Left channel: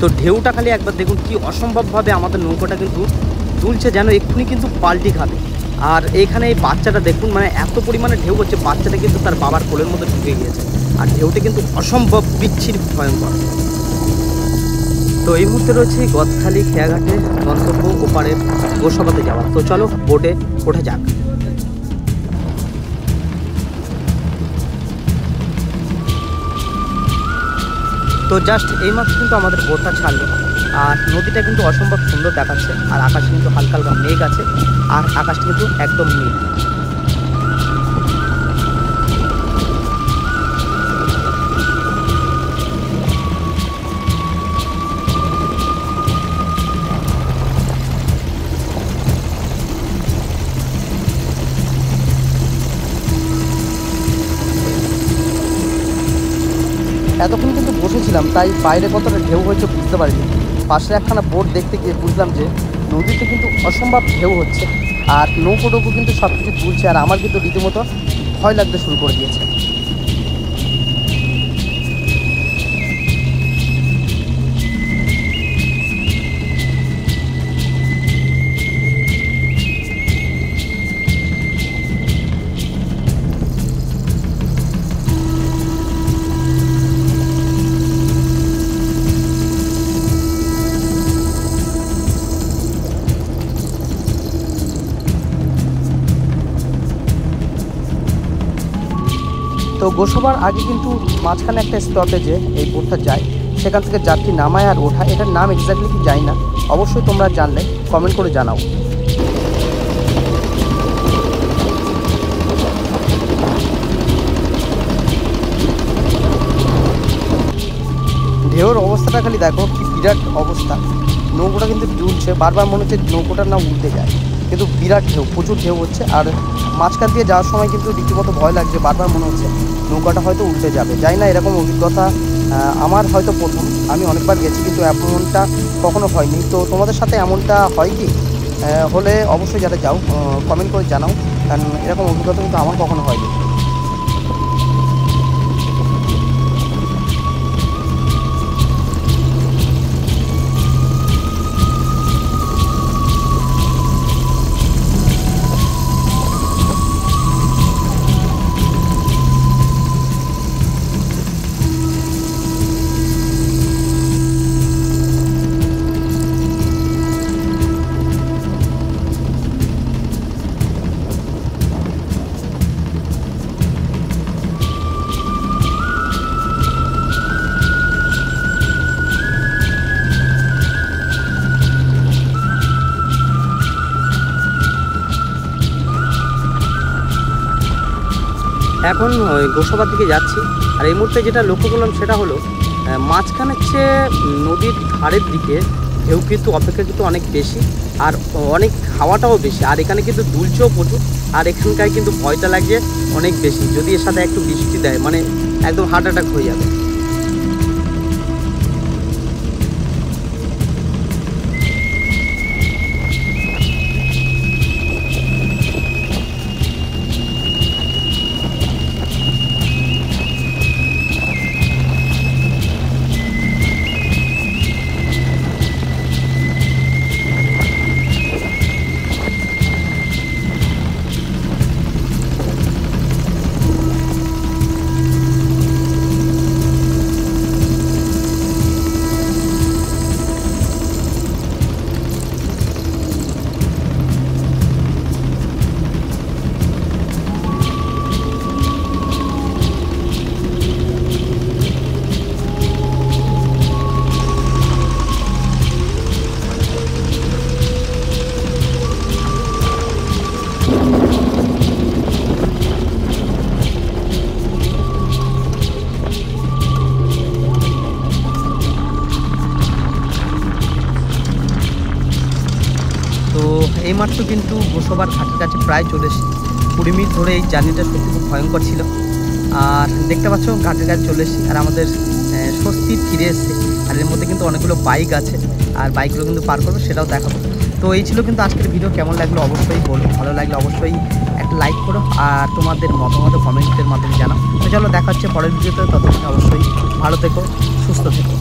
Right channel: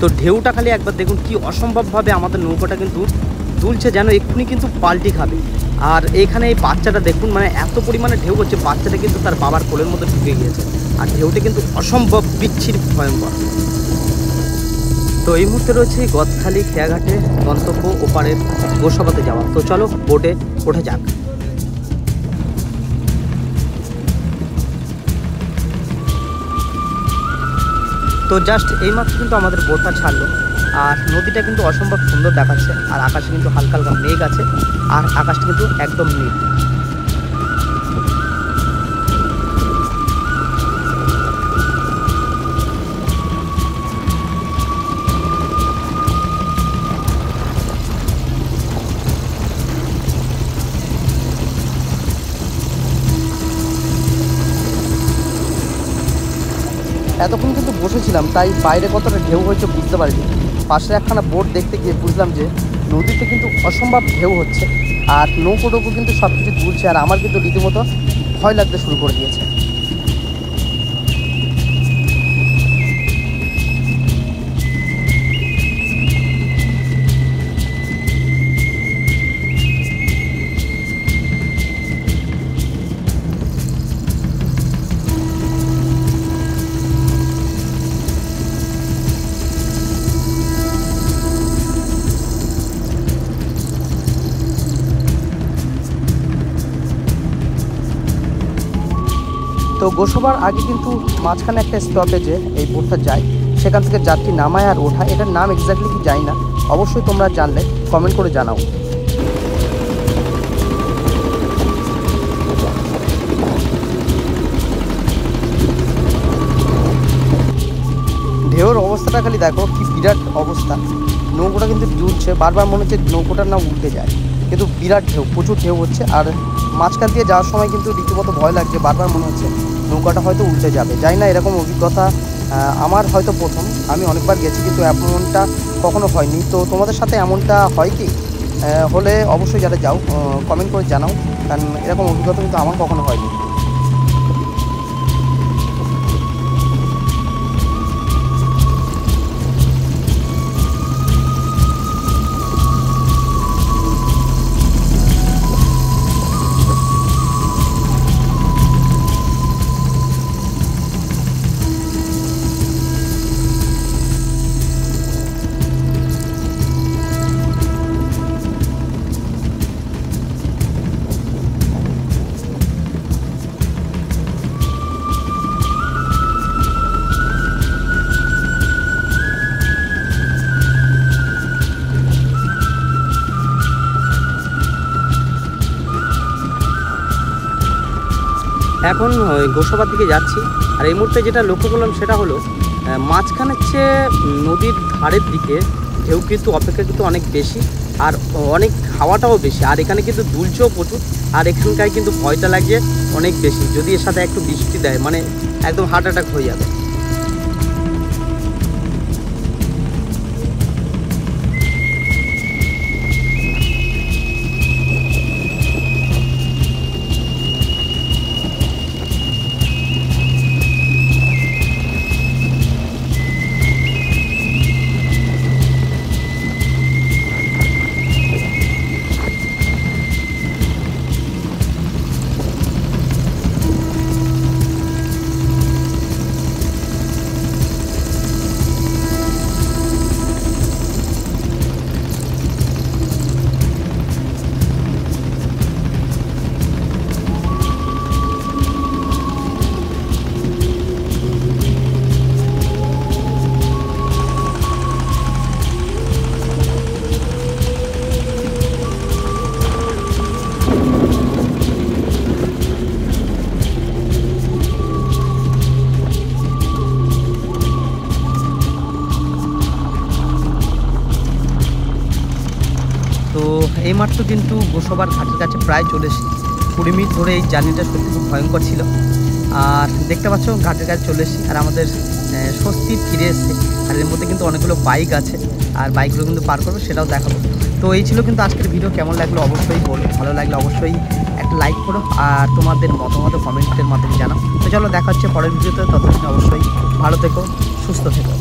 তো ঢেউটা খালি একবার দেখুন কি অসম্ভবভাবে আমাদের নৌকাটা কিন্তু দুলছে, যেন এক্ষুনি কিন্তু পাল্টি খাবে। আর এখানে এই বাচ্চাটা দেখুন, মানে এত পরিমাণে ঢেউ হচ্ছে, বাচ্চাটা কিন্তু তার বাবার কোলের মধ্যে ঢুকে গিয়েছে। আর ঢেউটা কিন্তু অসম্ভব বিচ্ছিরি ভয়ঙ্কর। তো এই মুহূর্তে রয়েছে গদখালি খেয়াঘাটে, গন্তব্য ওপারের গোসাবাতে যাওয়া। তো চলো বোটে ওঠা যাক। তো জাস্ট এইমাত্র কিন্তু আমাদের বোটটা ছাড়লো, আর নদীটা কিন্তু অসম্ভব সুন্দর দেখাচ্ছে। আর আকাশে কিন্তু হালকা হালকা মেঘ আছে, আর আকাশটা কিন্তু একদম নীল। এতক্ষণ কিন্তু বসেছিলাম, তাই বাইরে কতটা ঢেউ হয়েছে বুঝতে পারিনি। পাশে একখানা বোট দেখতে গিয়ে বুঝলাম যে নদীতে কিন্তু অসম্ভব ঢেউ হচ্ছে, আর নৌকো কিন্তু সব কিছু দুলছে। আর আমার কিন্তু রীতিমতো ভয় লাগতে শুরু করে দিয়েছে। তো গোসাবার আগে কিন্তু মাঝখানে একটা স্টপেজে এই বোটটা যায়, সেখান থেকে যাত্রী নামায় আর ওঠায়। এটার নাম এক্স্যাক্টলি কি জানি না, অবশ্যই তোমরা জানলে কমেন্ট করে জানাও। ঢেউর অবস্থাটা খালি দেখো, কি বিরাট অবস্থা। নৌকোটা কিন্তু দুলছে, বারবার মনে হচ্ছে নৌকোটা না উল্টে যায়, কিন্তু বিরাট ঢেউ, প্রচুর ঢেউ হচ্ছে। আর মাঝখান দিয়ে যাওয়ার সময় কিন্তু রীতিমতো ভয় লাগছে, বারবার মনে হচ্ছে নৌকাটা হয়তো উল্টে যাবে। জানি না, এরকম অভিজ্ঞতা আমার হয়তো প্রথম। আমি অনেকবার গেছি কিন্তু এমনটা কখনো হয়নি। তো তোমাদের সাথে এমনটা হয় কি? হলে অবশ্যই যারা যাও কমেন্ট করে জানাও, কারণ এরকম অভিজ্ঞতা কিন্তু আমার কখনো হয়নি। এখন গোসাবার দিকে যাচ্ছি। আর এই মুহূর্তে যেটা লক্ষ্য করলাম সেটা হলো মাঝখানের চেয়ে নদীর ধারের দিকে ঢেউ কিন্তু অপেক্ষাকৃত অনেক বেশি, আর অনেক হাওয়াটাও বেশি। আর এখানে কিন্তু দুলছেও প্রচুর, আর এখানকার কিন্তু ভয়টা লাগছে অনেক বেশি। যদি এর সাথে একটু বৃষ্টি দেয়, মানে একদম হার্ট অ্যাটাক হয়ে যাবে। তো এইমাত্র কিন্তু গোসাবার ঘাটের কাছে প্রায় চলে এসেছি। 20 মিনিট ধরে এই জার্নিটা সত্যি খুব ভয়ঙ্কর ছিল। আর দেখতে পাচ্ছ ঘাটের কাছে চলে এসেছি, আর আমাদের স্বস্তি ফিরে এসেছে। আর এর মধ্যে কিন্তু অনেকগুলো বাইক আছে, আর বাইকগুলো কিন্তু পার করবো, সেটাও দেখাবো। তো এই ছিল কিন্তু আজকের ভিডিও। কেমন লাগলো অবশ্যই বলো, ভালো লাগলে অবশ্যই একটা লাইক করো, আর তোমাদের মতামত কমেন্টের মাধ্যমে জানাও। তো চলো দেখা হচ্ছে পরের ভিডিওতে, ততদিন অবশ্যই ভালো থেকো, সুস্থ থেকো।